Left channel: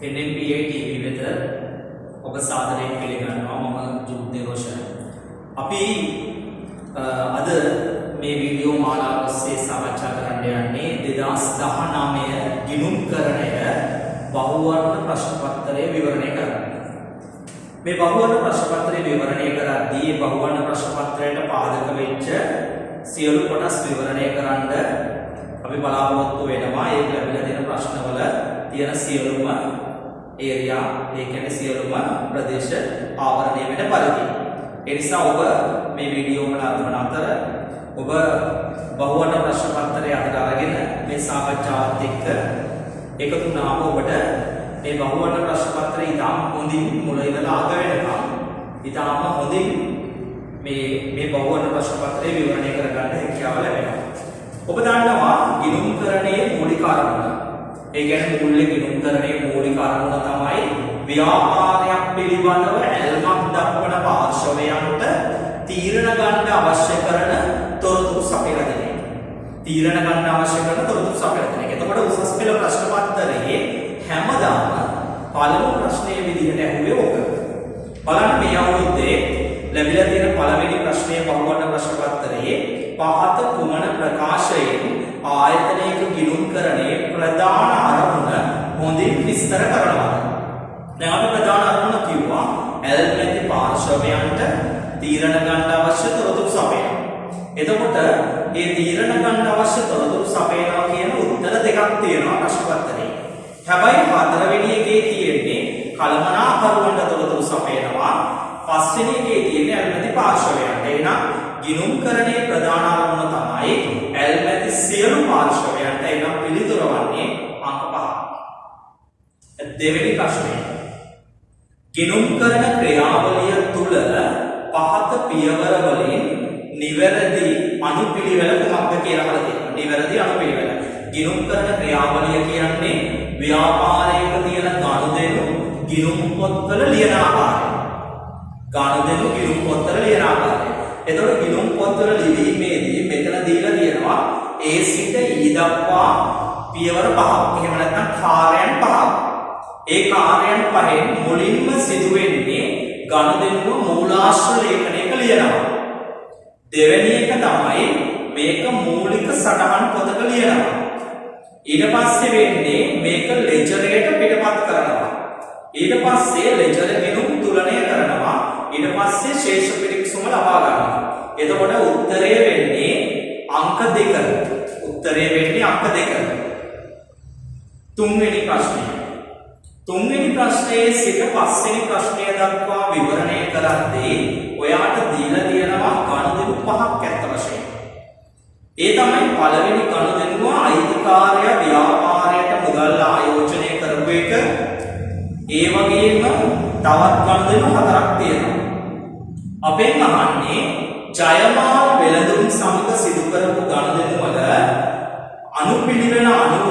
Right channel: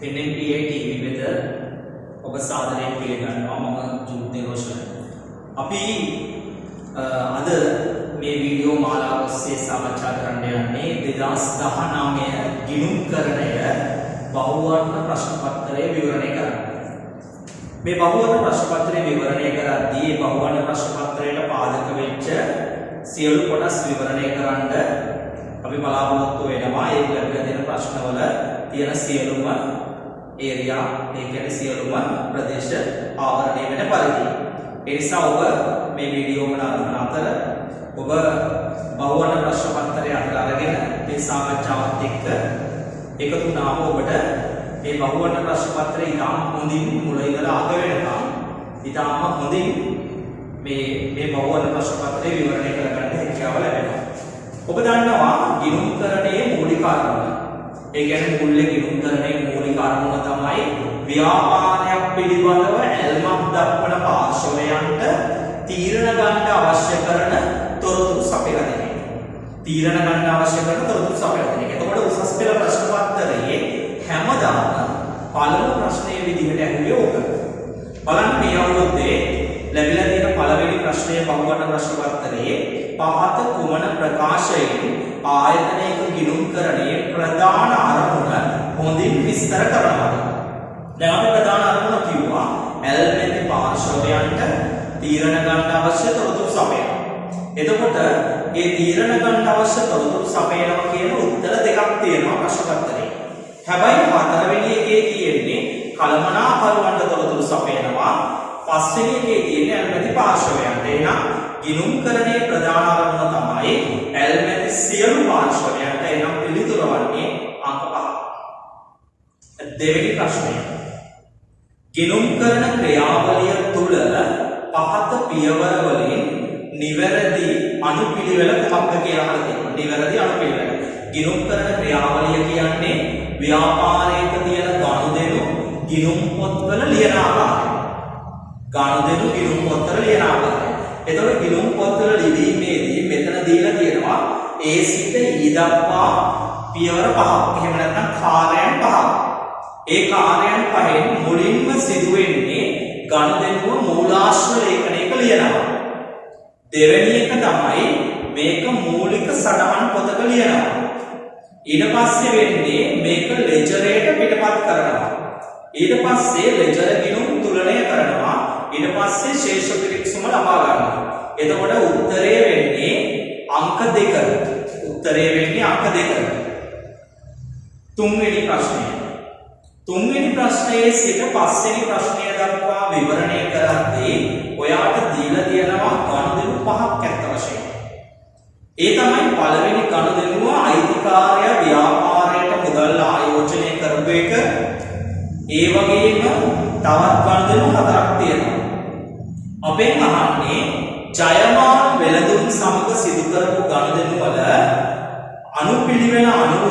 NNPI TV වෙත ඔබ සාදරයෙන් පිළිගන්නවා. මම ජූඩ් නිරෝෂන්. අපි අද මේ වීඩියෝ මාලාව ඔස්සේ සාකච්ඡා කරන්න යන්නේ 2019 ගිණුම්කරණය බහුවර්ණ ප්‍රශ්න පත්‍රය විවරණය කරන්න. මේ බහුවර්ණ ප්‍රශ්න පත්‍රය විවරණය කරද්දී මේ බහුවර්ණ ප්‍රශ්න පත්‍රයට පාදක වෙච්ච සියලු කොටස් විවරණය කරන්න අපි බලාපොරොත්තු වෙනවා. ඒ ලැබිලා තියෙන ප්‍රශ්නවල තියෙන සියලුම ඒරියා, ඒ කියන්නේ සියලුම ප්‍රදේශ ආවරණය වෙන පරිදි. ඒ නිසා ඔබ මේ වීඩියෝ වල අරගෙන අතර ඔබ බහුවර්ණ ප්‍රශ්න පත්‍රය අතර අරගෙන මේ සාකච්ඡාවත් එක්ක එකතු වුණාම ඔබට මේ බහුවර්ණ ප්‍රශ්න පත්‍රය ඉතාම හොඳින් මුල ඉඳලා අග වෙනකම් ඉතාම හොඳින් මේ බහුවර්ණ ප්‍රශ්න පත්‍රය විවරණය කරගන්න හැකියාව ලැබෙනවා. ඔබ දන්නවා ගිණුම්කරණයේ මූලික අරමුණ. ඒ කියන්නේ මුල්ලේ ගිණුම්කරණයේ මූලික අරමුණ තමයි ව්‍යාපාරයක් පිළිබඳව ඇල්මක් දක්වන පාර්ශවයන්ට තීරණ ගන්න අවශ්‍ය කරන තොරතුරු සපයලා දෙන එක. තීරණ ගන්න අවශ්‍ය කරන තොරතුරු සපයලා දෙන එක. එතකොට උසස් පෙළ ප්‍රශ්න පත්‍රයේ හැමදාම පළමු ප්‍රශ්නයේ විදිහට ඇහුවේ ඕක. බලන්න මේ අවුරුද්දේ ලැබිලා තියෙන පළවෙනි ප්‍රශ්නයේ බහුවර්ණ ප්‍රශ්න පත්‍රයේ පහත කුමන ප්‍රකාශයෙන් ආයතනයක ගිණුම්කරණයේ ප්‍රධාන අරමුණ හොඳින් විස්තර කරනවා. දැන් අපි ප්‍රධාන අරමුණ කිව්වා ඇල්මැති පාර්ශවයන්ට තීරණ ගන්න අවශ්‍ය තොරතුරු සපයන. එතකොට මේ තීරණ ගන්න අවශ්‍ය තොරතුරු සපයනවා කියන උත්තර දෙකක් තියෙනවා ප්‍රශ්න පත්‍රයේ. හැබැයි හතරවෙනි එකේ තියෙන්නේ කළමනාකරුවන්ට තොරතුරු සපයනවා. පස්වෙනි එකේ තියෙන්නේ ඇල්මැති පාර්ශවයන්ට. එහෙනම් ගිණුම්කරණයේ ප්‍රධාන අරමුණ තමයි ඇල්මැති සියලු පාර්ශවයන්ට. එනම් පිළිතුර වන්නේ අංක 5. දෙවෙනි ප්‍රශ්නය. ගිණුම්කරණ ක්‍රියාවලිය තුල පහත පියවර වලින් නිවැරදි අනුපිළිවෙල කුමක්ද කියලා අහලා තියෙනවා. නිවැරදි අනුපිළිවෙල. ගිණුම්කරණ ක්‍රියාවලිය කියන්නේ ව්‍යාපාරයක තියෙන ගනුදෙනු ගිණුම් පොත්වල ලියන ආකාරය. ගනුදෙනු ගිණුම් පොත්වල ලියන ආකාරය. එතකොට ගිණුම් පොත්වල ලිවීමේදී මෙතන දීලා තියෙනවා A සිට E දක්වා පියවර 5ක්. එහෙම නැත්නම් කාර්යයන් 5ක්. ඒ කාර්යයන් පහෙන් මුලින්ම සිදුවෙන්නේ ගනුදෙනුව මූලාශ්‍ර ලේඛනයක ලියනවා. දෙවෙනි එක තමයි මේක මූලික සටහන් පොතක ලියනවා. ඊට පස්සේ වෙන්නේ මේක ලෙජරයට පිටපත් කරනවා. ඊට පස්සේ ලෙජර ගිණුම් තුලනය කරනවා. ඊට පස්සේ ශේෂ පිරික්සුම ලබා ගන්නවා. එතකොට උත්තරය වෙන්නේ අංක 2. උත්තරය වෙන්නේ අංක 2. තුන්වෙනි ප්‍රශ්නය. තුන්වෙනි ප්‍රශ්නයේ සිට පස්වෙනි ප්‍රශ්නය දක්වා විවරණය කරද්දී ඔයාට දීලා තියෙනවා ගනුදෙනු 5ක් ඇත්ත වශයෙන්. ඒ තමයි පළවෙනි ගනුදෙනුව අයිතිකාරය ව්‍යාපාරයට මුදල් ආයෝජනය කරපු එක. ඒ වගේම තවත් ගනුදෙනු 4ක් තියෙනවා. අපෙන් අහන්නේ ජයමාල් වෙළඳුන් සමග සිදු කරපු ගනුදෙනු වල අනුපිළිවෙල අනුව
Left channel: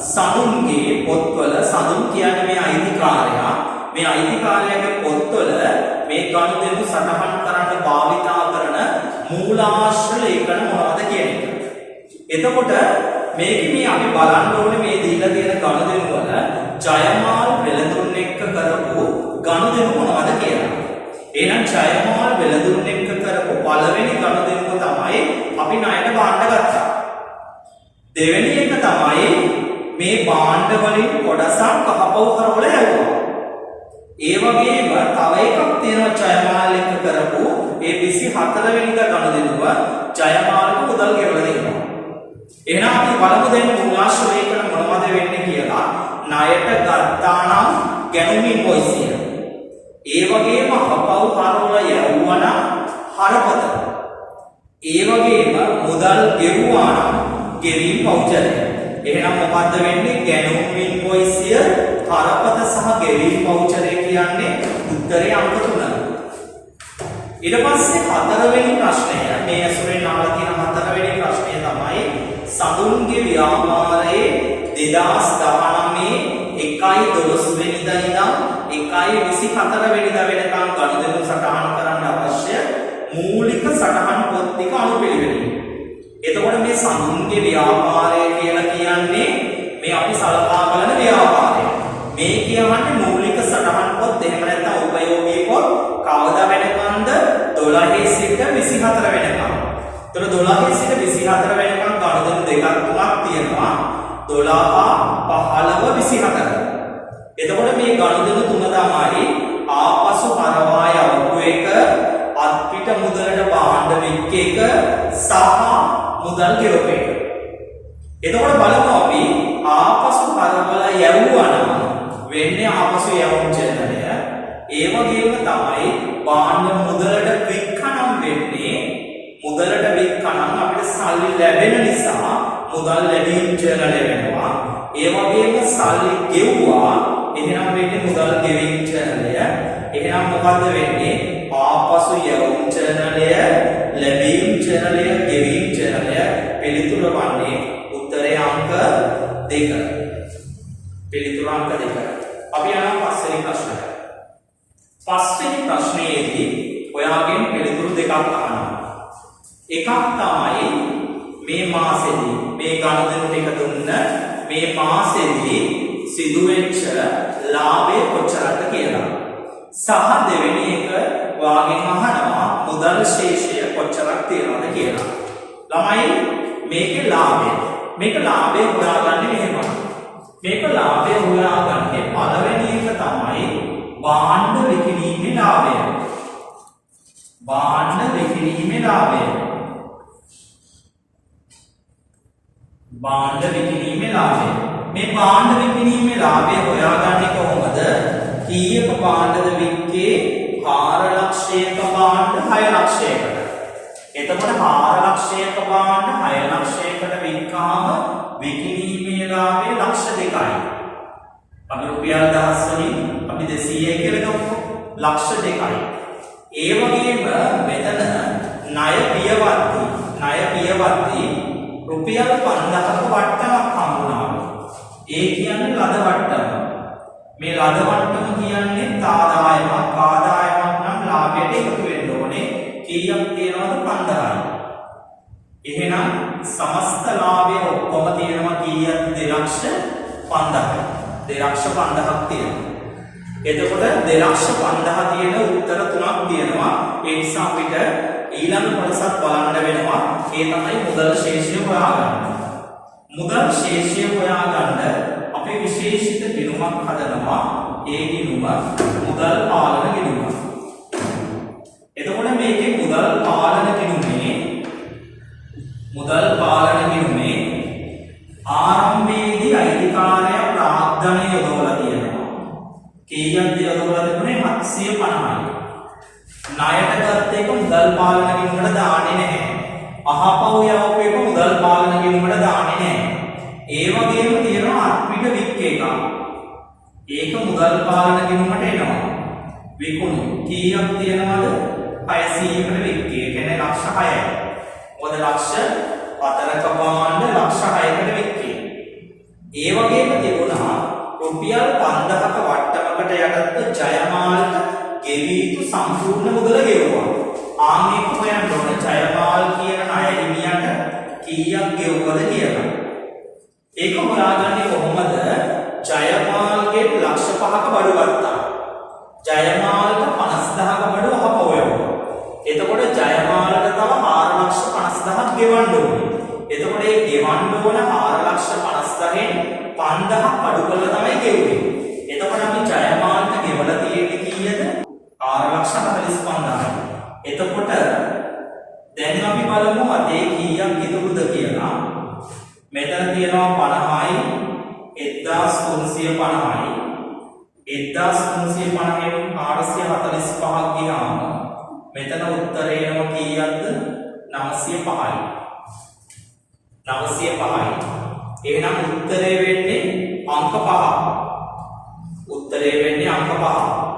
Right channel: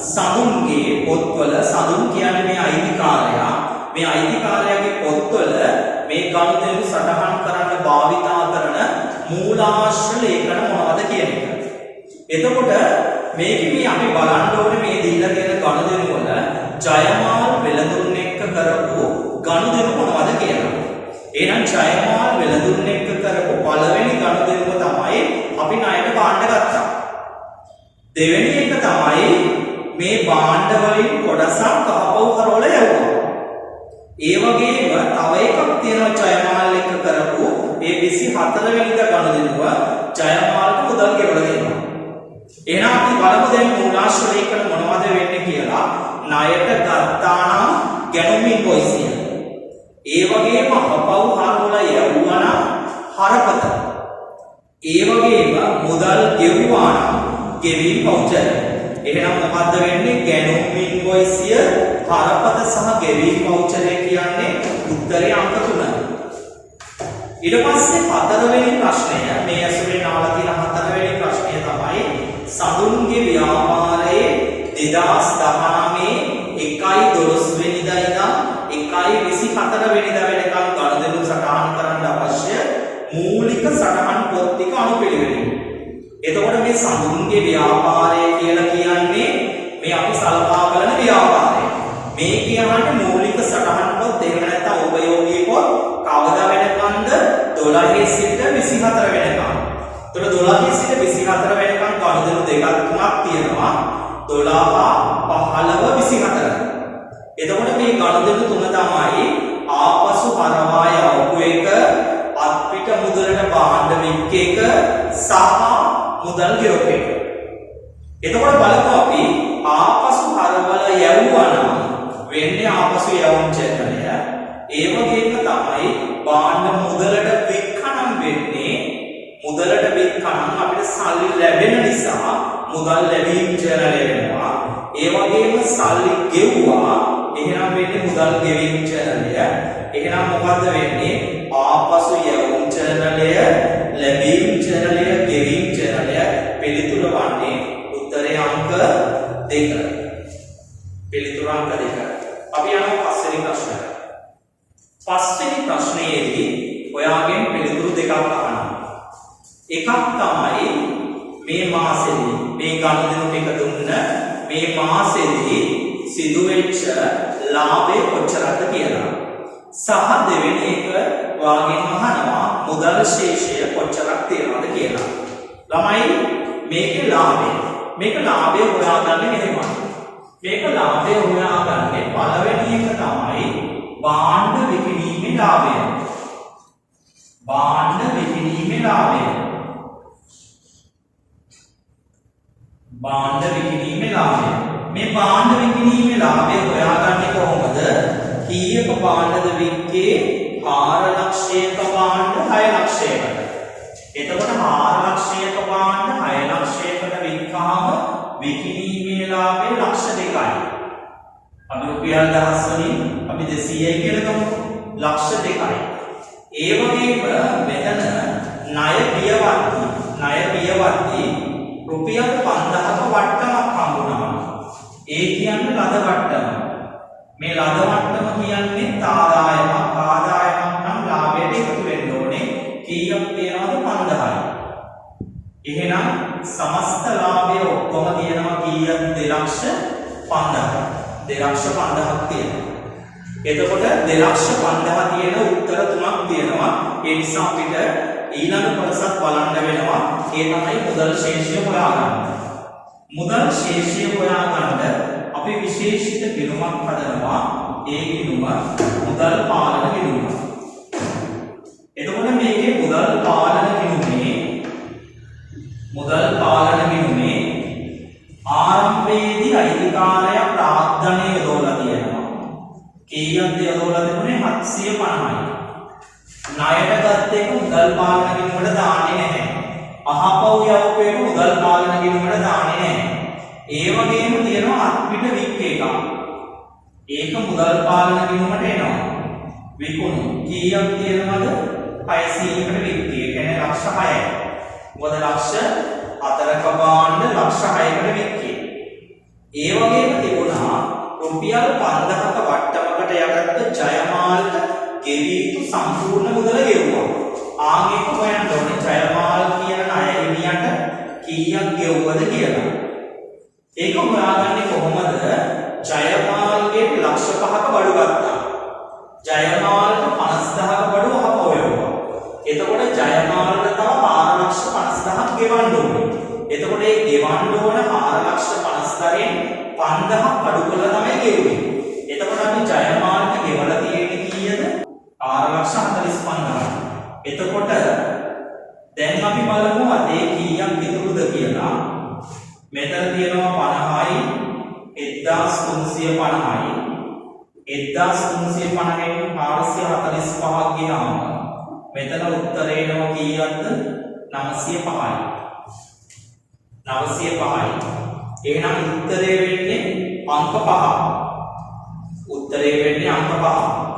සඳුන්ගේ පොත්වල, සඳුන් කියන්නේ මේ අයිතිකාරයා, මේ අයිතිකාරයාගේ පොත්වල මේ ගනුදෙනු සටහන් කරන්න භාවිතා කරන මූලාශ්‍ර ලේඛන මොනවද කියන එක. එතකොට මේක මේ අපි බලන්න ඕනේ මේ දීලා තියෙන ගනුදෙනු වල ජයමාල් වෙළඳුන් එක්ක කරපු ගනුදෙනු මොනවද කියලා. එහෙනම් ජයමාල් වෙළඳුන් එක්ක කරපු පළවෙනි ගනුදෙනුව තමයි අපි ණයට භාණ්ඩ ගත්තා. දෙවෙනි එක තමයි මේ භාණ්ඩ වලින් කොටසක් කහපව් කරවල යවුවා. ඒ වගේම තව එකක් තියෙනවා ජයමාල් එක්ක කරපු ඒ 24 වෙනිදා ගනුදෙනුව ජයමාල්ට මුදල් ගෙවලා දෙනවා. එහෙනම් අපි බලමු දැන් මූලාශ්‍ර ලේඛන මොනවද වෙන්නේ කියලා. ණයට ගත්තා නම් ගැනුම් ඉන්වොයිස්. ඒ වගේම කපව් හරවල යවුවා නම් හරපත. ඒ වගේම මුදල් ගෙවුවා නම් ගෙවීම් වවුචරය. එහෙනම් මොකද්ද වෙන්නේ? ගැනුම් ඉන්වොයිසිය, හරපත සහ ගෙවීම් වවුචරය කියන්නේ උත්තරේ අංක 3. ඊට පස්සේ හතරවෙනි ප්‍රශ්නය, මේ ඇසුරෙන් ආලා තියෙන හතරවෙනි ප්‍රශ්නය තමයි සඳුන්ගේ ව්‍යාපාරයේ 2019 1/12 වෙනිදා ඉඳන් 1/24 වෙනිදා වෙනකම් ගනුදෙනු සටහන් කරන්න අවශ්‍ය මූලික සටහන් පොත් ටික අනුපිළිවෙලින්. එතකොට මේ සඳුන්ගේ ව්‍යාපාරය කියලා කියන්නේ මේ අපි සලකා බලන ව්‍යාපාරය. මේ කියන්නේ මූලික සටහන් පොත් එහෙම නැත්නම් උපයෝගී පොත් කවදා වෙනකන්ද 12 සිට 24 වෙනකම්. ඒතර 12 සිට 24 වෙනකම් ගණුදෙනු දෙකක් තුනක් තියෙනවා. 12 15 24. එතකොට මේ ගණුදෙනු තුන තමයි ආපසු හරවා යවපු එක, අත්පිට මුදලට භාණ්ඩ වික්ක එක සහ මුදල් ගෙවපු එක. එතකොට බලමු අපි ආපසු හරවලා යවුවා නම් වෙන්නේ ආපසු යවුම් චලනය. ඒ වගේම තමයි භාණ්ඩ මුදලට වික්කනම් වෙන්නේ මුදලට වික්කනම් අපිට සල්ලි ලැබෙන නිසා මුදල් ලැබීම් චලනය වෙනවා. ඒ වගේම සල්ලි ගෙවුවා එහෙනම් වෙන්නේ මුදල් ගෙවීම් චලනය. එහෙනම් මොකද්ද වෙන්නේ? ආපසු යවුම් චලනය, ලැබීම් චලනය, ගෙවීම් චලනය. පිළිතුර වන්නේ උත්තරේ අංක 2. පිළිතුර අංක 2. අපි යනවා පස්වෙනි ප්‍රශ්නයට. පස්වෙනි ප්‍රශ්නයේදී ඔයාගෙන් පිළිතුරු දෙකක් අහනවා. එකක් තමයි මේ මාසෙදී මේ ගණුදෙනු ටික දුන්න මේ මාසෙදී සිදුවෙච්ච ලාභය කොච්චරද කියලා. සහ දෙවෙනි එක ඔයාගෙන් අහනවා මුදල් ශේෂය කොච්චරක් තියෙනවද කියලා. ළමයි මේකේ ලාභය. මේක ලාභය හොයාගන්නේ එහෙමයි. මේක ලාභය හොයාගන්නේ පළවෙනි එක තමයි භාණ්ඩ විකිණීමේ ලාභය. භාණ්ඩ විකිණීමේ ලාභය. භාණ්ඩ විකිණීමේ ලාභය. මේ භාණ්ඩ විකිණීමේ ලාභය හොයාගන්නේ කොහොමද? කීයක භාණ්ඩද වික්කේ? 4 ලක්ෂයක භාණ්ඩ 6 ලක්ෂයකට. එතකොට 4 ලක්ෂයක භාණ්ඩ 6 ලක්ෂයකට වික්කාම විකිණීමේ ලාභය ලක්ෂ 2යි. අපි රුපියල් 1000 වලින් අපි 200යි කියලා ගමු. ලක්ෂ 2යි. ඒ වගේම මෙතන ණය පියවත්ටි රුපියල් 5000ක වට්ටමක් හම්බුණා. ඒ කියන්නේ ලද වට්ටම. මේ ලද වට්ටම කියන්නේ ආදායමක් නම් ලාභයට එකතු වෙන්න ඕනේ. කීයක් තියෙනවද? 5000යි. එහෙනම් සමස්ත ලාභය ඔක්කොම තියෙනවා කීයද? 2,50,000. 2,50,000ක් තියෙනවා. එතකොට 2,50,000 තියෙන උත්තර තුනක් තියෙනවා. ඒ නිසා අපිට ඊළඟ කොටසත් බලන්න වෙනවා. ඒ තමයි මුදල් ශේෂය හොයාගන්න. මුදල් ශේෂය හොයාගන්න අපි විශේෂිත ගිණුමක් හදනවා. ඒ ගිණුම මුදල් පාලන ගිණුම. එතකොට මේකේ මුදල් පාලන ගිණුමේ ආරම්භයේදී අයිතිකාරය ප්‍රාග්ධනය යොදවලා තියෙනවා. කීයක්ද යොදවලා තිබුණේ? 750යි. ණයට ගත්ත එක මුදල් පාලන ගිණුමට දාන්නේ නැහැ. අහපව් යවපු එක මුදල් පාලන ගිණුමට දාන්නේ නැහැ. ඒ වගේම තියෙනවා අත්පිට වික් එක. ඒක මුදල් පාලන ගිණුමට එනවා. විකුණු කීයක් තියෙනවද? 600කට වික් එක. කියන්නේ ලක්ෂ 6යි. මොකද ලක්ෂ 4ක භාණ්ඩ ලක්ෂ 6කට වික් එක. ඒ වගේම තිබුණා රුපියල් 5000ක වට්ටමකට යටත්ව ජයමාල්ට ගෙවී යුතු සම්පූර්ණ මුදල ගෙවුවා. ආන්ගේක හොයන්න ඕනේ ජයමාල් කියන ණය හිමියට කීයක් ගෙවුවද කියලා. ඒක හොයාගන්නේ කොහොමද? ජයමාල්ගේ ලක්ෂ 5ක බඩු ගත්තා. ජයමාල්ට 50000ක බඩු අහපව යවුවා. එතකොට ජයමාල්ට තව 4,50,000ක් ගෙවන්න ඕනේ. එතකොට මේ ගෙවන්න ඕන 4,50,000න් 5,000ක් අඩු කරලා තමයි ගෙවුවේ. එතකොට අපි ජයමාල්ට ගෙවලා තියෙන්නේ කීයද? 4,45,000. එතකොට දැන් අපි බලමු අතේ කීයක් ඉතුරුද කියලා. මෙතන තියෙනවා 50යි 1350යි 1350න් 445ක් ගියාම මෙතන උත්තරේ එනවා කීයක්ද? 905යි. 905යි. එහෙනම් උත්තරේ වෙන්නේ අංක 5. උත්තරේ වෙන්නේ අංක 5.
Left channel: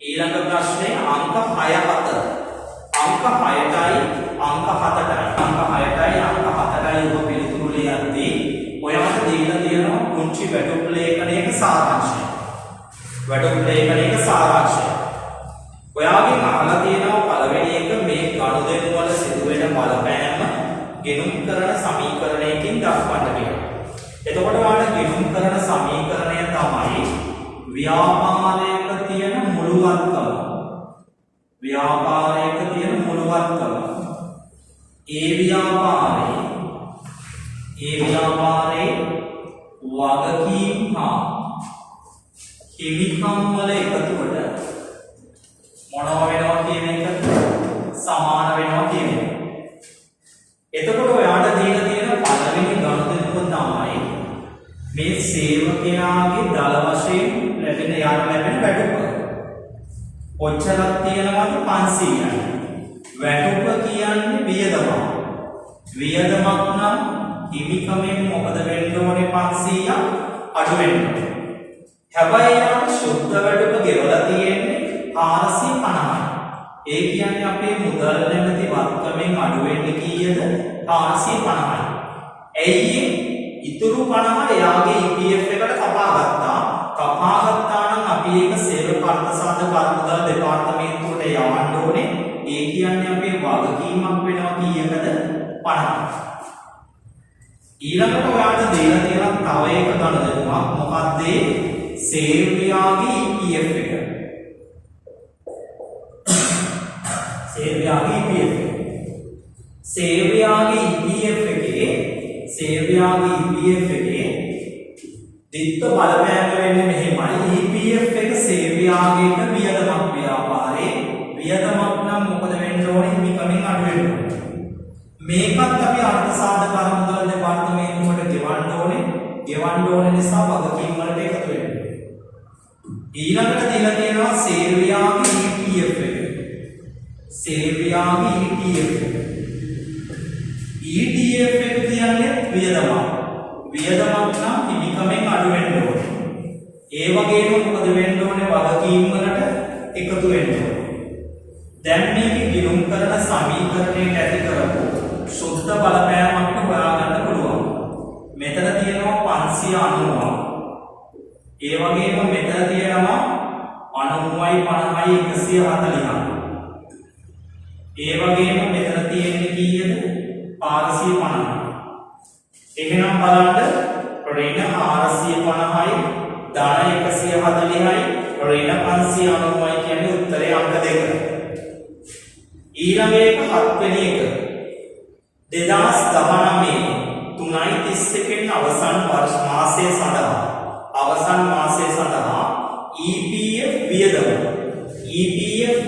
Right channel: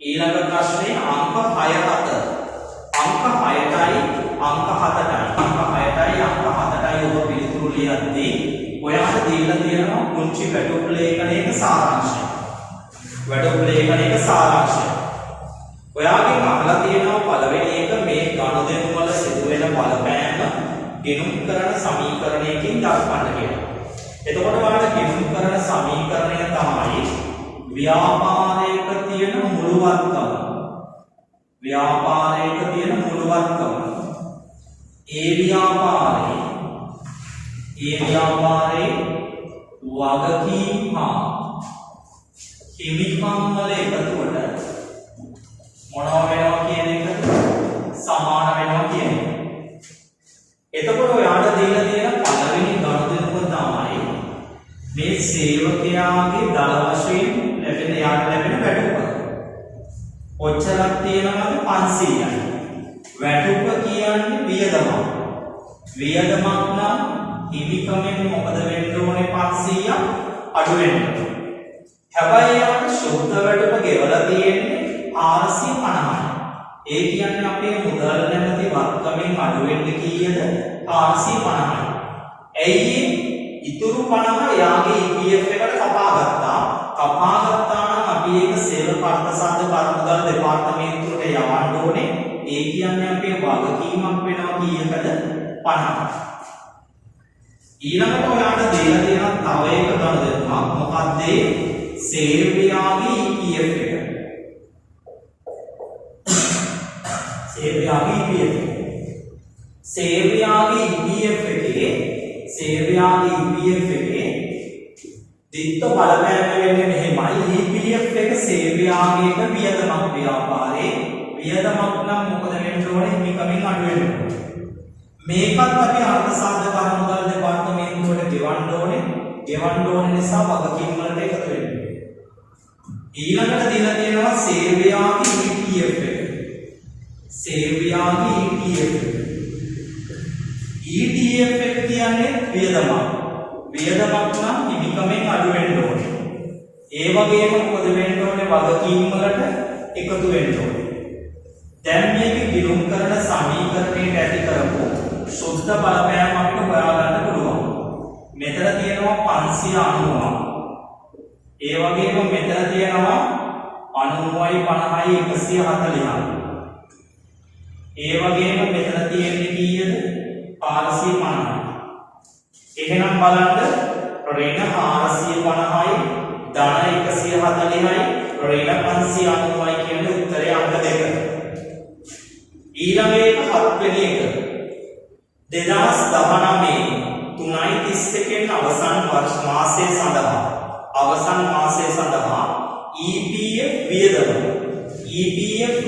ඊළඟ ප්‍රශ්නේ අංක 6 අංක 6ටයි අංක 7ටයි අංක 6ටයි අංක 7ටයි ඔබ පිළිතුරු ලියද්දී ඔයාලට දීලා තියෙනවා පුංචි වැටුප් ලේඛනයක සාරාංශය. වැටුප් ලේඛනයක සාරාංශය. ඔයාගෙන් අහලා තියෙනවා පළවෙනි එක මේ ගනුදෙනු වල සිදුවෙන බලපෑම ගෙනුම් කරන සමීකරණයකින් දක්වන්න කියලා. එතකොට ඔයාලට ගිණුම් කරන සමීකරණය තමයි ව්‍යාපාරයක තියෙන මුළුවත්කම. ව්‍යාපාරයක තියෙන මුළුවත්කම. ඒ ව්‍යාපාරයේ වගකීම් හා හිමිකම් වල එකතුවට මොනවා වෙනවා කියන එක සමාන වෙනවා කියන එක. එතකොට ඔයාලට දීලා තියෙන පළවෙනි ගණිතය තමයි මේ සේවකයාගේ දල වශයෙන් ලැබෙන වැටුප. ඔච්චරක් තියෙනවද 500යි. වැටුප කියන්නේ වියදමක්. වියදමක් නම් හිමිකමෙන් මොකද වෙන්න ඕනේ 500ක් අඩු වෙන්න. හැබැයි යාට සුද්ධ වැටුප ගෙවලා තියෙන්නේ 450යි. ඒ කියන්නේ අපේ මුදල් නැමැති වත්කමෙන් අඩු වෙන්න කීයද? 450යි. එයි ඉතුරු 50 යාගේ EPF එකට කපා ගත්තා. කපා ගත්තා නම් අපි ඒක සේවක අර්ථසාධක කරමුදල් දෙපාර්තමේන්තුවට යවන්න ඕනේ. ඒ කියන්නේ අපේ වගකීමක් වෙනවා කීයකද? 50. ඊළඟට ඔයාලට දීලා තියෙන තව එක ගණනයක් මොකක්ද? සේවකයාගේ EPF එක. සේවකයාගේ EPF එකේ දිත්ත බලපෑම වෙන්නේ මෙහෙමයි. EPF එක සේවකයාගේ එක වියදමක් ව්‍යාපාරේ වියදමක් නම් මොකද වෙන්න ඕනේ? හිමිකමින් අඩු වෙන්න ඕනේ. මේකත් අපි අර්ථසාධක කරමුදල් දෙපාර්තමේන්තුවට ගෙවන්න ඕනේ නිසා වගකීම් වලට එකතු වෙන්න. ඊළඟට දීලා තියෙනවා සේවකයාගේ EPF එක. සේවකයාගේ ETF එක කියන්නේ වියදමක්. වියදමක් නම් හිමිකමෙන් අඩු වෙන්න ඕනේ. ඒ වගේම මොකද වෙන්න ඕනේ? වගකීම් වලට එකතු වෙන්න ඕනේ. දැන් මේක ගිණුම් කරන සමීකරණයට ඇති කරපු සුද්ධ බලපෑම අපිට හොයාගන්න පුළුවන්. මෙතන තියෙනවා 590. ඒ වගේම මෙතන තියෙනවා 90යි 50යි 140යි. ඒ වගේම මෙතන තියෙන්නේ කීයද? 450යි. එහෙනම් බලන්න ඍණ 450යි ධන 140යි ඍණ 590යි කියන්නේ උත්තරේ අංක 2. ඊළඟ එක 7 වෙනි එක 2019 3:31 අවසන් මාසයේ සඳහා EPF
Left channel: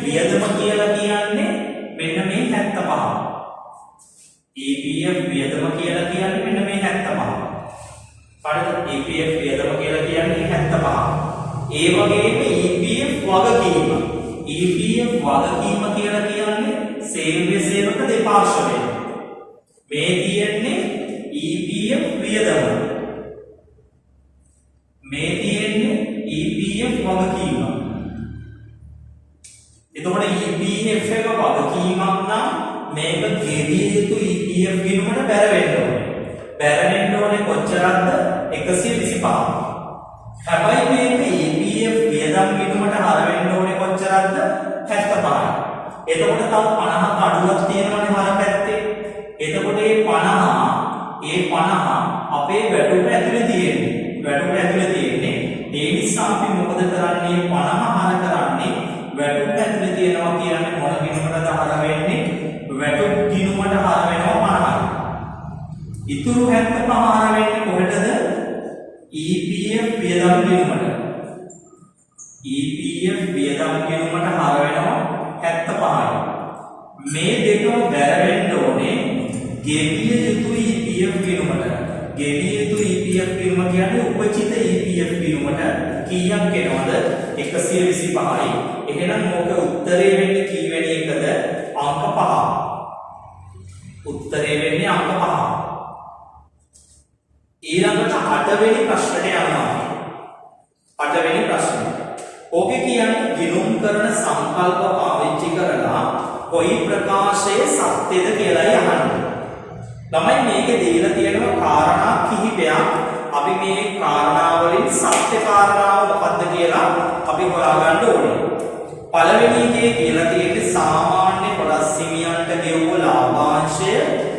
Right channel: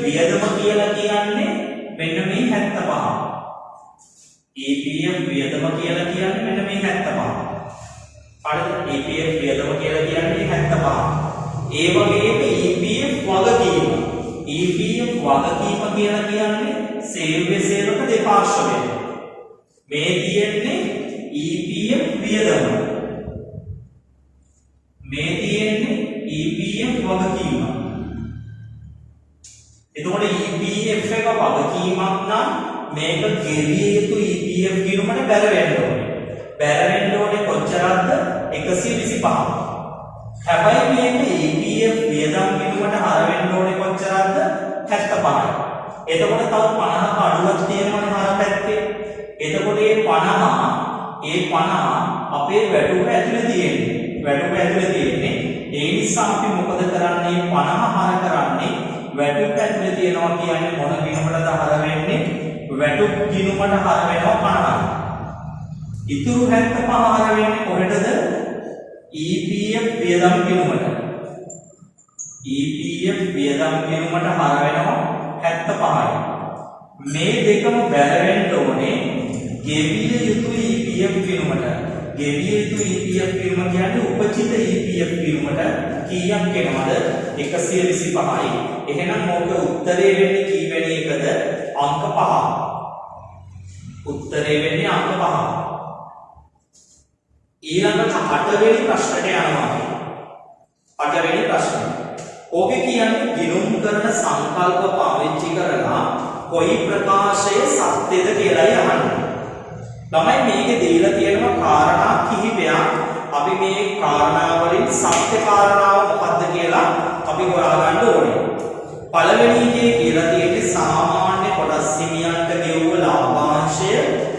වියදම කියලා කියන්නේ මෙන්න මේ 75. EPF වියදම කියලා කියන්නේ මෙන්න මේ 75. හරිද? EPF වියදම කියලා කියන්නේ 75. ඒ වගේම EPF වගකීම කියලා කියන්නේ සේවක දෙපාර්ශ්වය. මේ තියෙන්නේ EPF වියදම. මේ තියෙන්නේ EPF වගකීම. එතකොට EPF එක වගකීමක් නම් මේක ගෙවිය යුතු EPF ගිණුමට බැරෙන්න ඕනේ. බැරෙන්න ඕනේ කොච්චරක්ද? 125. හැබැයි මේක EPF වියදම් ගිණුමට හර වෙන්න ඕනේ කොච්චරක්ද? 75යි. එතකොට තව 50ක අඩුවක් තියෙනවනේ හර පැත්තේ. එතකොට මේ 50 අපේ වැටුප ඇතුලේ තියෙන්නේ. ඒ නිසා අපි මොකද කරන්නේ? 50 හර කරන්නේ වැටුප ඇතුලේ තියෙනවා කියන්නේ මොන ගිණුමටද හර වෙන්නේ? වැටුප් ගිණුමට හර වෙනවා 50යි. ඉතුරු 75 හර වෙන්නේ කොහෙටද? EPF වියදම් ගිණුමට. EPF වියදම් ගිණුමට හර වෙනවා 75යි. මේ දෙකම බැලෙන්න ඕනේ ගෙවිය යුතු EPF ගිණුමට. ගෙවිය යුතු EPF ගිණුම කියන්නේ උපචිත EPF ගිණුමට කීයක් එනවද? 125යි. එහෙනම් ඕක උත්තරේ වෙන්නේ කීවෙනි එකද? අංක 5. උත්තරේ වෙන්නේ අංක 5. ඊළඟට 8 වෙනි ප්‍රශ්නට යනවා. 8 වෙනි ප්‍රශ්නය. ඕකේ කියන්නේ ගිණුම් කරන සංකල්ප පාවිච්චි කරලා කොයි ප්‍රකාශයේ සත්‍යද කියලායි අහන්නේ. ළමයි මේකේ දීලා තියෙනවා කාරණා කිහිපයක්. අපි මේ කාරණා වලින් සත්‍ය කාරණාව මොකක්ද කියලා අපි හොයාගන්න ඕනේ. පළවෙනි එකේ කියලා තියෙන්නේ සාමාන්‍ය කොටස් හිමියන්ට ගෙවුව ලාභාංශය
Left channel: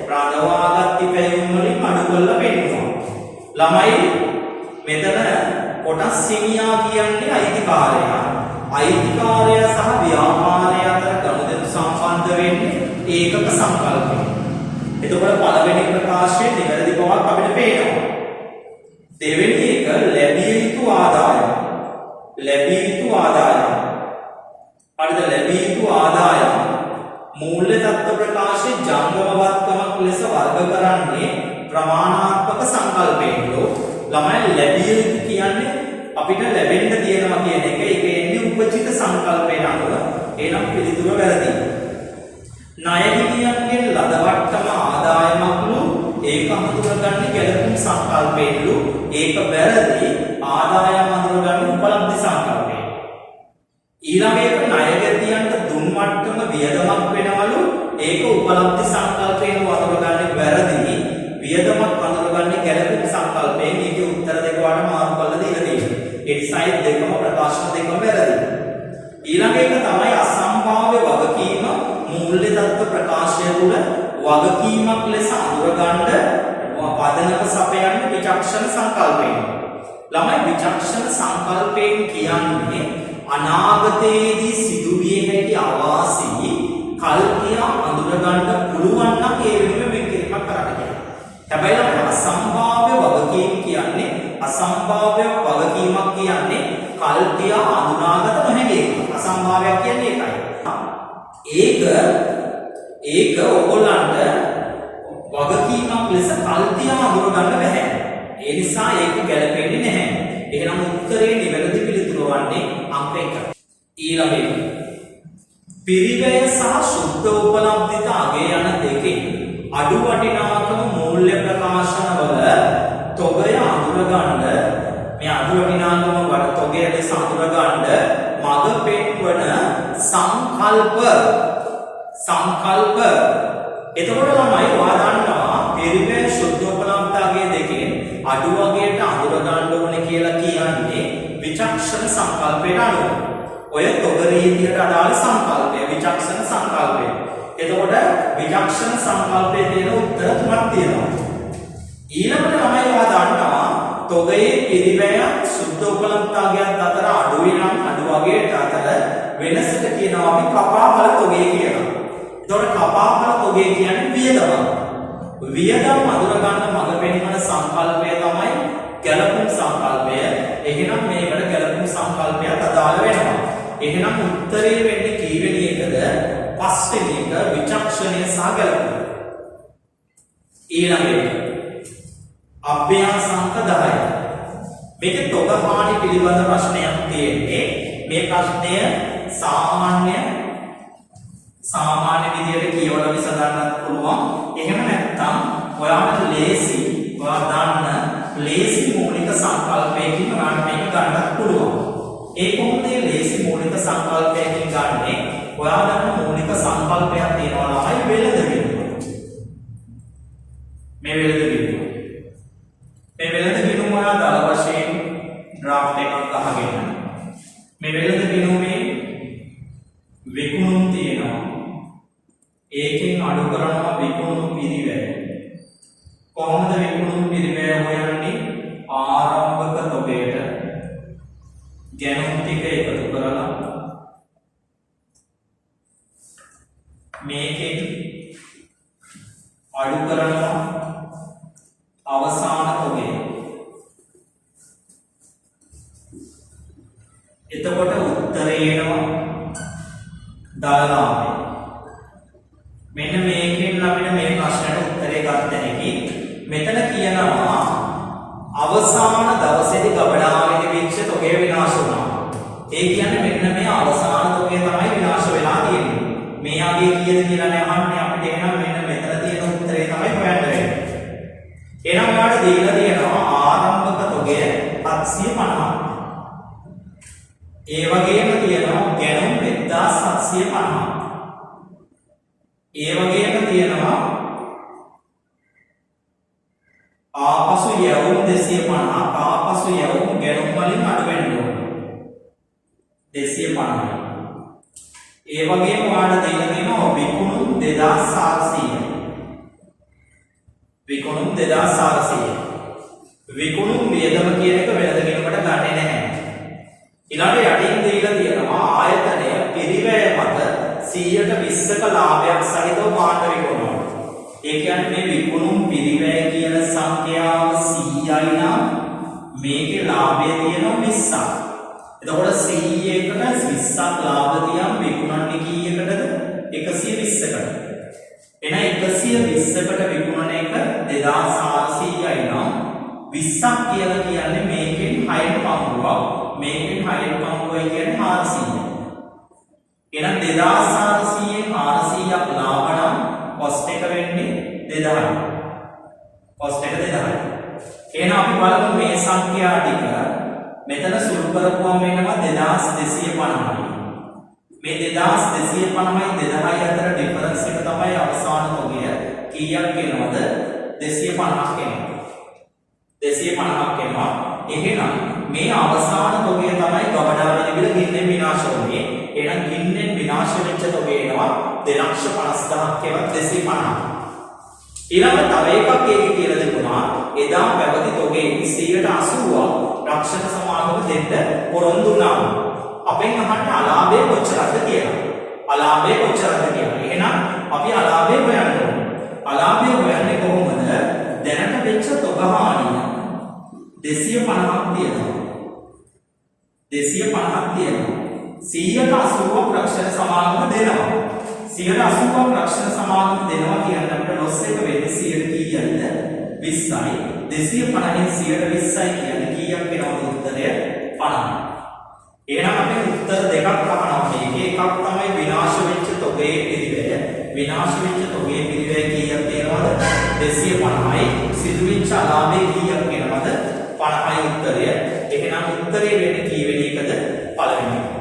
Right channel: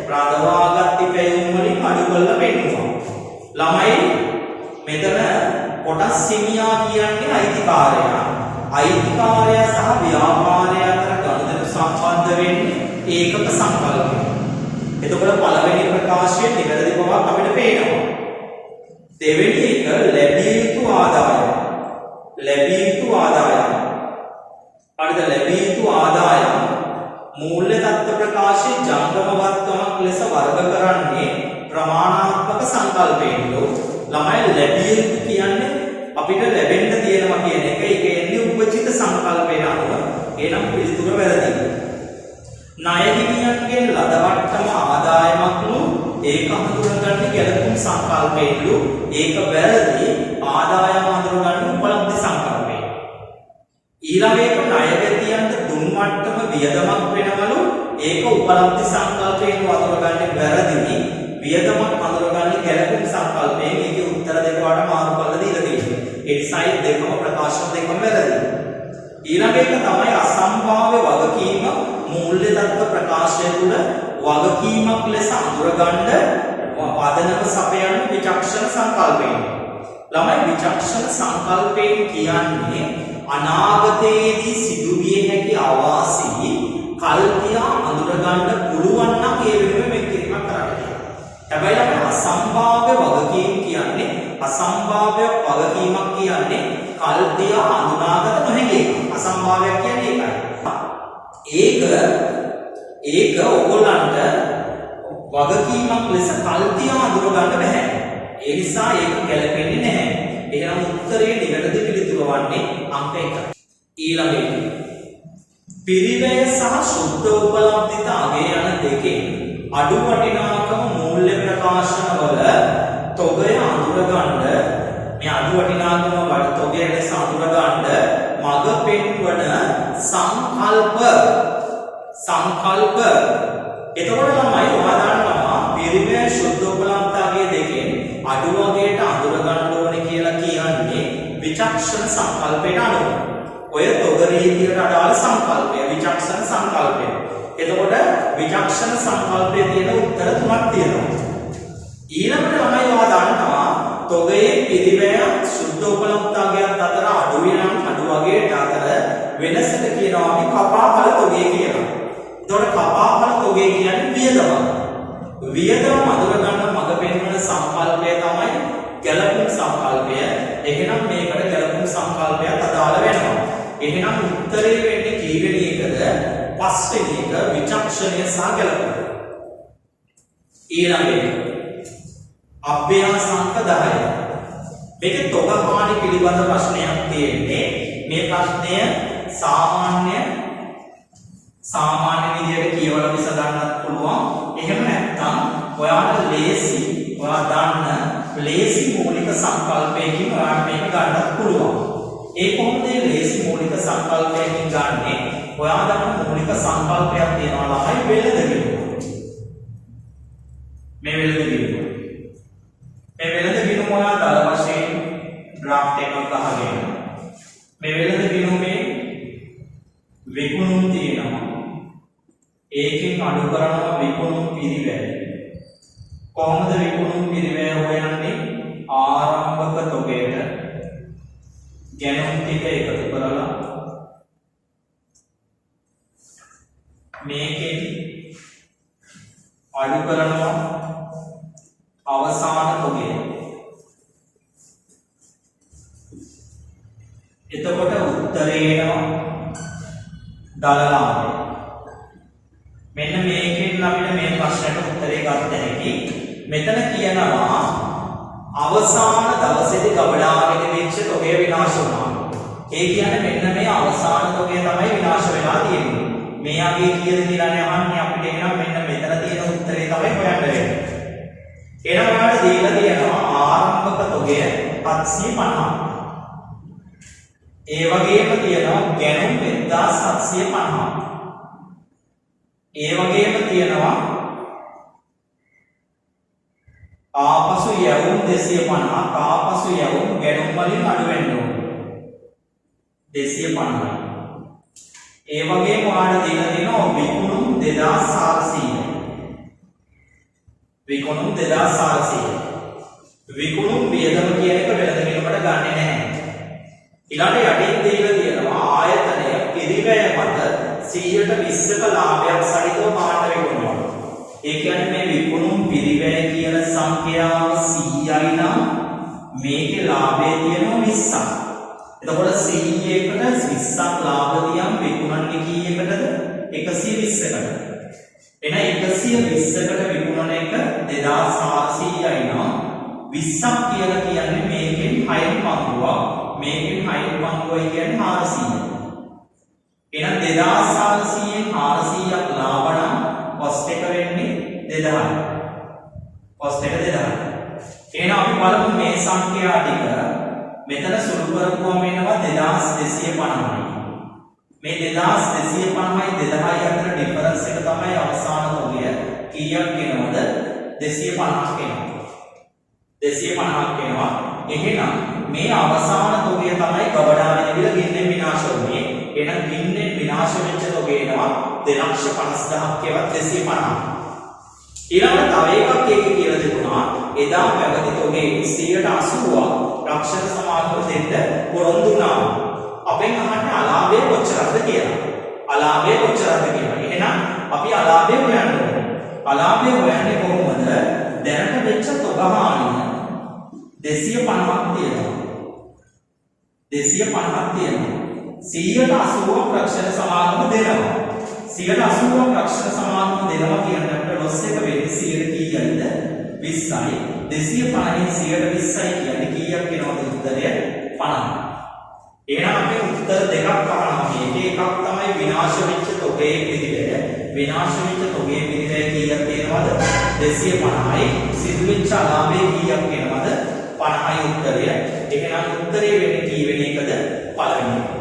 රඳවාගත් ඉපැයුම් වලින් අඩු කරලා පෙන්නනවා. ළමයි මෙතන කොටස් හිමියා කියන්නේ අයිතිකාරයා. අයිතිකාරයා සහ ව්‍යාපාරය අතර ගනුදෙනු සම්බන්ධ වෙන්නේ ඒකක සංකල්පය. එතකොට පළවෙනි ප්‍රකාශයේ නිවැරදි බවක් අපිට පේනවා. දෙවෙනි එක ලැබිය යුතු ආදායම. ලැබිය යුතු ආදායම. හරිද? ලැබිය යුතු ආදායම මූල්‍ය තත්ත්ව ප්‍රකාශයේ ජංගමවත්කමක් ලෙස වර්ග කරන්නේ ප්‍රමාණාත්මක සංකල්පයෙන්ලෝ. ළමයි ලැබිය යුතු කියන්නේ අපිට ලැබෙන්න තියෙනවා කියන එක. ඒක එන්නේ උපජිත සංකල්පයෙන් අනුව. එනම් පිළිතුර වැරදි. ණය හිමියන්ගෙන් ලද වට්ටම ආදායමක්ලු ඒක හඳුනගන්නේ ගැළපුම් සංකල්පයෙන්ලු. ඒක වැරදි. ආදායම හඳුනගන්නේ උපලබ්ධි සංකල්පයෙන්. ඊළඟ එක ණයගැතියන්ට දුන් මට්ටම වියදමක් වෙනවලු. ඒක උපලබ්ධි සංකල්පයෙන් හඳුනගන්නේ වැරදි. වියදමක් හඳුනගන්නේ ගැළපුම් සංකල්පයෙන්. මේකේ උත්තර දෙක වඩා මාරු කරලා දීලා තියෙනවා. ඒ සයිඩ් දෙකම ප්‍රකාශන දෙකම වැරදි. ඊළඟ එක තමයි අසම්භාව්‍ය වගකීම. මූල්‍ය තත්ත්ව ප්‍රකාශය තුළ වගකීමක් ලෙස අඳුරගන්න පදනම සපයන්න විචක්ෂණ සංකල්පයෙන්. ළමයි විචක්ෂණ සංකල්පයෙන් කියන්නේ අනාගතයේදී සිදුවිය හැකි අවාසි කල්පියා අඳුරගන්න පුළුවන් නම් ඒ වෙනුවෙන් මේක එකක් කරන්නේ. හැබැයි ළමයි අසම්භාව්‍ය වගකීම් කියන්නේ අසම්භාව්‍ය වගකීමක් කියන්නේ කල්පියා අඳුනාගත නොහැකි. අසම්භාව්‍යයක් කියන්නේ ඒකයි. ඒක ඔයගොල්ලන්ට වගකීමක් ලෙස කල්පියා අඳුරගන්න බැහැ. ඒ නිසා ඒක ගැලපෙන්නේ නැහැ. එහෙනම් උත්තරේ නිවැරදි පිළිතුර වන්නේ අංක 1. ඊළඟ එක. පිරිවැය සහ සුද්ධ උපලබ්ධිත අගය යන දෙකෙන් අඩු වටිනාකම මූල්‍ය ප්‍රකාශනවල තොගය අඳුරගන්න මේ අඩු වටිනාකම වල තොගය ලෙස අඳුරගන්න මඟ පෙන්වන සංකල්ප එතකොට ළමයි ඔයා දන්නවා පිරිවැය සුද්ධ උපලබ්ධ අගය දෙකෙන් අඩු වගයට අඳුරගන්න ඕනේ කියලා කියන්නේ විචක්ෂණ සංකල්පයට අනුව. ඔය තොග රීතියට අදාළ සංකල්පය විචක්ෂණ සංකල්පය. එතකොට විචක්ෂණ සංකල්පයේ තියෙන උත්තර තුනක් තියෙනවා. ඊළඟට ළමයි ඔයා දන්නවා තොගයේ පිරිවැය සුද්ධ උපලබ්ධ අගයත් අතර අඩු වෙනම් අඩු වගයට අතර වෙනසට කියනවා අපි කපාඵල තොගය කියලා. එතකොට කපාඵල තොගය කියන්නේ වියදම. වියදම් අඳුරගන්න මඟ පෙන්වන සංකල්පය තමයි ගැළපුම් සංකල්පය. එහෙනම් මේකට ගැළපුම් සංකල්පයක් අදාළ වෙනවා. එහෙනම් උත්තරේ වෙන්නේ කීවෙනි එකද? පස්වෙනි එක විචක්ෂණය සහ ගැළපුම. ඊළඟ එක අභ්‍යාස අංක 10. මේක තොග හානි පිළිබඳ ප්‍රශ්නයක් තියෙන්නේ. මේ ප්‍රශ්නය සාමාන්‍ය විදියට කියවලා විසඳන්නත් පුළුවන්. එහෙම නැත්නම් ඔයාට ඔයා දන්න ලේසි මූලික සංකල්පයකින් ඔයාට මේක ගන්නත් පුළුවන්. ඒ කොහොමද ලේසි මූලික සංකල්පයකින් ගන්නෙ? ඔයා දන්න මූලික සංකල්පයක් තියෙනවා ළමයි වෙළඳ බිඳුව. මේ වෙළඳ බිඳුව ඔයා දල වශයෙන් ඩ්‍රාෆ්ට් එකක් අහගෙන මේ වෙළඳ බිඳුවේ විකුණුම් තියෙනවා. ඒකෙන් අඩු කරනවා විකුණුම් පිරිවැය. කොහොමද විකුණුම් පිරිවැය හොයන්නේ? ආරම්භක තොගයට ගැණුම් ටික එකතු කරලා මේකෙන් අඩු කරනවා අවසාන තොගය. එතකොට උත්තරේ එනවා දලලාභය. මෙන්න මේකෙන් අපිට මේ ප්‍රශ්නට උත්තරේ ගන්න හැකි. මෙතන කියනවා අවසාන දවසේදී ගබඩාවෙට වෙච්ච තොගය විනාශ වුණා. ඒ කියන්නේ මෙන්න මේ අවසාන තොගය තමයි විනාශ වෙලා තියෙන්නේ. මේ අගේ කීයද කියලා අහන්නේ අපිට. එහෙනම් මෙන්න මෙතන තියෙන උත්තරේ තමයි හොයන්න වෙන්නේ. එහෙනම් ඔයාලට දීලා තියෙනවා ආරම්භක තොගය 750. ඒ වගේම තියෙනවා ගැණුම් 1750. ඒ වගේම තියෙනවා ආපසු යවුම් 250. ආපසු යවුම් ගැණුම් වලින් අඩු වෙන්න ඕන 250යි. ඒ වගේම ඔයාලට දීලා තියෙනවා විකුණුම් 2400. විකුණුම් 2400. විකුණුම් වියදම කියන එක වෙනද වෙනකොට ගන්නෙ නැහැ. ඊළඟට යටින් දීලා තියෙනවා ආයතනය පිරිවැය මත 120ක ලාභයක් සහිතව පාට විකුණනවා. ඒ කියන්නේ මේ විකුණුම් පිරිවැය කියන සංඛ්‍යාව 100යි නම් මේකේ ලාභය තියෙනවා 20ක්. එතකොට 100කට 20ක් ලාභ තියම් විකුණන්නේ කීයකටද? 120කට. එන 120කට විකුණන එක 2400යි නම් 20ක් කියලා කියන්නේ මේකෙන් 6 පංගුවක්. මේකෙන් 6 පංගුවයි කියන්නේ 400. එහෙනම් 2400න් 400ක් ලාභ නම් කොස්ට් එක වෙන්නේ 2000යි. කොස්ට් එක 2000යි. එහෙනම් අපි බලමු මේ සංඛ්‍යා ටික මෙතන සුළු කරපුවම එනවා 2250යි. මේ 2250යි 2000යි අතර ඩිෆරන්ස් එක තමයි අවසාන තොගය. කීයක් වෙනවද? 250ක් වෙනවා. 250ක් වෙනවා. එහෙනම් මේ අවසාන තොගය තමයි ගබඩා වෙනවිල ගින්නෙන් විනාශ වුනේ. එහෙනම් ගින්නෙන් විනාශ වෙච්ච තොගය එනවා 250000ක් කියලා 250. ඊළඟට තව එකක් ඒකේ කියලා තිබුණා එදා පැවති තොගේ 180ක් රක්ෂක සමාගම දෙන්න පොරොන්දු වුණා. අපෙන් අහන්න අලාභය කොච්චරද කියලා. අලාභය කොච්චරද කියලා. එහෙනම් අපි අලාභය හොයන්න ඕනේ. අලාභය හොයන්නේ කොහොමද? දැනට වෙච්ච තොග හානිය 250ක් තියෙනවා. 250ක් තියෙනවා. 180ක් රක්ෂක සමාගම දෙනවා. 180ක් රක්ෂක සමාගම දෙනවා කියන්නේ අපිට ලොස් එක වෙන්නේ 100 කීයක්ද? 20යි. 250න් 120යි කියන්නේ කීයක් වෙනවද උත්තරය? 50. එහෙනම් අපි උත්තර දෙකක් අහනවා. මේකේ එකක් තමයි විනාශ වෙච්ච තොගේ පිරිවැය. විනාශ වෙච්ච තොගේ පිරිවැය කීයක් තියෙනවද? 250යි. සිදු වෙච්ච අලාභය කීයක් වෙනවද? 50යි උත්තරය. එහෙනම් උත්තරේ වෙන්නේ කී වෙන එකද? පළවෙනි එක.